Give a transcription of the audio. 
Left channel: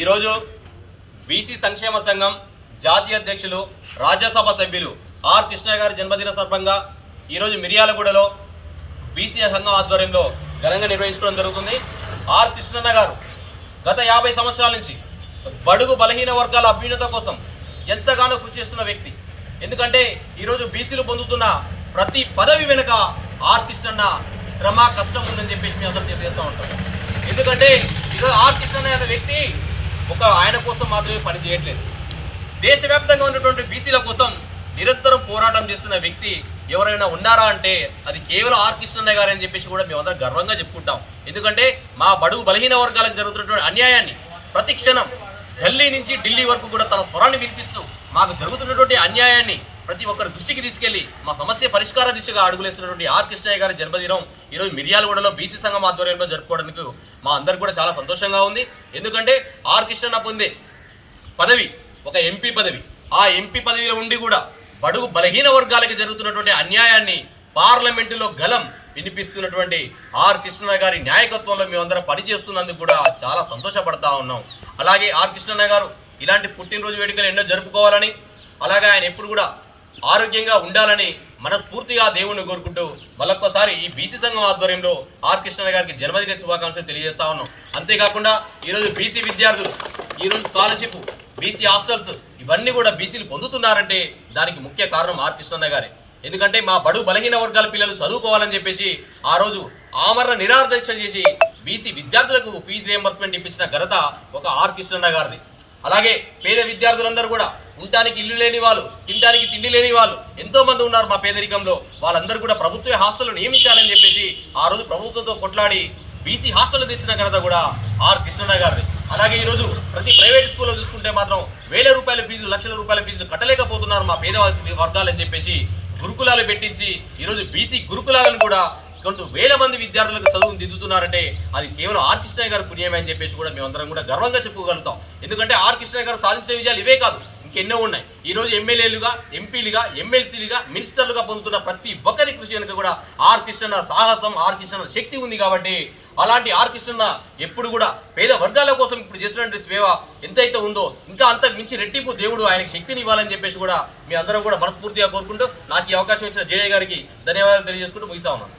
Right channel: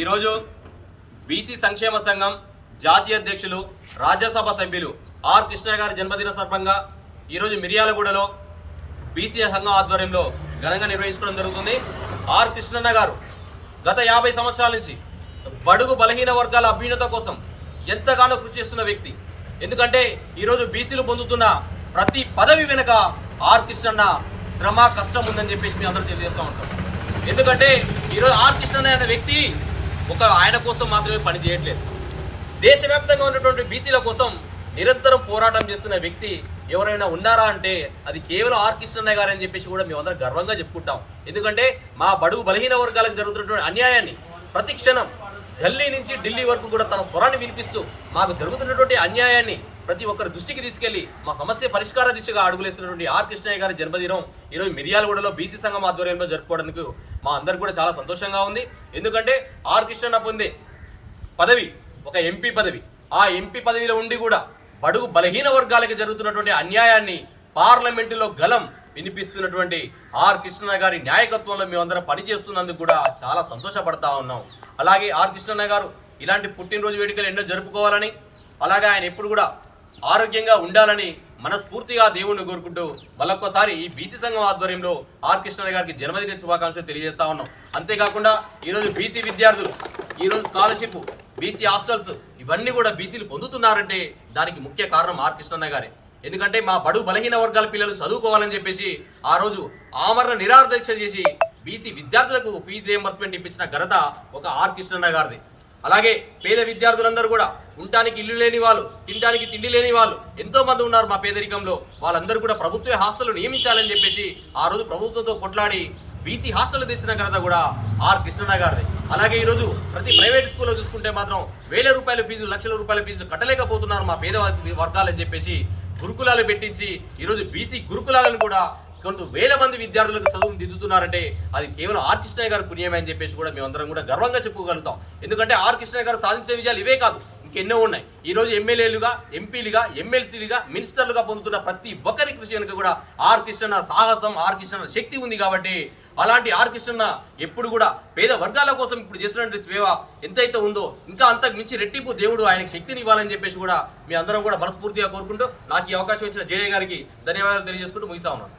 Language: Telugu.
ఈరోజు బీసీ సంక్షేమ సంఘం జాతీయ అధ్యక్షులు రాజ్యసభ సభ్యులు ఆర్ కృష్ణ గారి జన్మదిన సందర్భంగా ఈరోజు మిర్యాలగూడలో బీసీ సంఘం ఆధ్వర్యంలో ఘనంగా నిర్వహించుకోవడం జరుగుతుంది. ఆర్ కృష్ణన్న గారు గత యాభై సంవత్సరాల నుంచి బడుగు బలహీన వర్గాల అభ్యున్నత కోసం ఎంతగానో కృషి చేస్తున్న వ్యక్తి. ఎందుకంటే ఈరోజు బీసీలు పొందుతున్న ప్రతి పదవి వెనుక ఆర్ కృష్ణన్న శ్రమ కష్టం ఉందని చెప్పేసి మేము అందరూ తెలియజేస్తూ ఉంటాం. ఎందుకంటే ఈరోజు ఆర్ కృష్ణన్న అనే వ్యక్తి ఒక ఆయన కోసం మాత్రమే పని చేయట్లేదు. దేశవ్యాప్తంగా ఉన్నటువంటి బీసీల కోసం నిరంతరం పోరాటం చేస్తున్న వ్యక్తి ఎవరైనా ఉన్నారా అంటే అది కేవలం ఆర్ కృష్ణయ్య గారు అని చెప్పేసి కూడా మేమందరం గర్వంగా చెప్పుకుంటాం. ఎందుకంటే మా బడుగు బలహీన వర్గాలకు జరుగుతున్నటువంటి అన్యాయాన్ని ప్రతి క్షణం ఢిల్లీ నుంచి ఢిల్లీ వరకు కూడా తన స్వరాన్ని వినిపిస్తూ మాకు జరుగుతున్నటువంటి అన్యాయాన్ని ప్రతి ఒక్కరి దృష్టికి తీసుకెళ్ళి మా సమస్య పరిష్కార దిశగా అడుగులేసినటువంటి ఆర్ కృష్ణయ్య గారి జన్మదినం ఈరోజు మిర్యాలగూడలో బీసీ సంఘం ఆధ్వర్యంలో జరుపుకోవడానికి మా అందరికి కూడా చాలా సంతోషంగా ఉంది. ఎందుకంటే ఆర్ కృష్ణన్న పొందే పదవి ఒక ఎంపీ పదవి ఆ ఎంపీ పదవిలో ఉండి కూడా బడుగు బలహీన వర్గాలకి జరుగుతున్నటువంటి అన్యాయాన్ని పార్లమెంటులో గలం వినిపిస్తున్నటువంటి ఆర్ కృష్ణ గారి నాయకత్వంలో మేమందరం పనిచేస్తున్నందుకు కూడా చాలా సంతోషపడతా ఉన్నాం. అలాగే ఆర్ కృష్ణన్న గారు ఇలాంటి పుట్టినరోజు వేడుకలు ఎన్నో జరుపుకోవాలని అలాగే ఆయన ఎప్పుడు కూడా ఆరోగ్యంగా ఉండాలని మనస్ఫూర్తిగా దేవుణ్ణి కోరుకుంటూ మళ్ళొక్కసారి ఈ బీసీ సంఘం ఆధ్వర్యంలో ఆర్ కృష్ణ గారికి జన్మదిన శుభాకాంక్షలు తెలియజేస్తా ఉన్నాం. అంతేకాకుండా ఈరోజు బీసీ విద్యార్థులు ఈరోజు స్కాలర్షిప్ బీసీ హాస్టల్స్ ఇవన్నీ కూడా బీసీలు పొందుతున్నారంటే దానికి ముఖ్య కారణం ఆర్ కృష్ణన్న గారే. ఎందుకంటే మా బడు బలహీన వర్గాల పిల్లలు చదువుకోవాలని చెప్పేసి ఆ రోజు ఆమరణ నిరాదీక్ష చేసి బీసీ విద్యార్థులకు ఫీజు రియంబర్స్మెంట్ ఇప్పించిన ఘనత ఒక ఆర్ కృష్ణన్న గారిది. అలాగే పేద విద్యార్థులందరూ కూడా ఉండటానికి ఇల్లు లేని వాళ్ళు తినడానికి తిండి లేని వాళ్ళు ఎంతోమంది ఉన్నారు మా పేదరికంలో. వాళ్ళందరూ కూడా ప్రభుత్వ హాస్టల్ నియమించాలని చెప్పేసి ఆ రోజు ప్రభుత్వంతో కొట్లాడి బీసీ హాస్టల్ తెచ్చిన ఘనత కూడా ఆర్ కృష్ణన్న గారిది. అలాగే ఈరోజు ప్రతి ప్రైవేట్ స్కూల్లో చూసుకుంటే మాత్రం వేల రూపాయల ఫీజు లక్షల రూపాయల ఫీజులు కట్టలేకపోతున్నారు మా పేద వర్గాలని చెప్పేసి గురుకులాలు పెట్టించి ఈరోజు బీసీ గురుకులాలను కూడా కొంత వేల మంది విద్యార్థులకు చదువును దిద్దుతున్నారంటే అది కేవలం ఆర్ కృష్ణయ్య గారి పుణ్యమే అని చెప్పేసి కూడా మేమందరం కూడా గర్వంగా చెప్పుకోగలుగుతాం. ఎందుకంటే ఆర్ కృష్ణయ్య గారు సాధించే విజయాలు ఇవే కాదు. ఎన్నో ఉన్నాయి. ఈ రోజు ఎమ్మెల్యేలుగా ఎంపీలుగా ఎమ్మెల్సీలుగా మినిస్టర్లుగా పొందుతున్న ప్రతి ఒక్కరి కృషి వెనుక కూడా ఆర్ కృష్ణ సాహసం ఆర్ కృష్ణ శక్తి ఉంది కాబట్టి అలాంటి ఆర్ కృష్ణ ఎప్పుడు కూడా పేద వర్గాల కోసం ఇప్పుడు చేసినటువంటి సేవ ఎంతైతే ఉందో ఇంకా అంతకు మించి రెట్టింపు దేవుడు ఆయనకు శక్తిని ఇవ్వాలని చెప్పేసి కూడా మీ అందరం కూడా మనస్ఫూర్తిగా కోరుకుంటూ నాకు ఈ అవకాశం ఇచ్చిన జేడీ గారికి ధన్యవాదాలు తెలియజేసుకుంటూ ముగిస్తా ఉన్నాను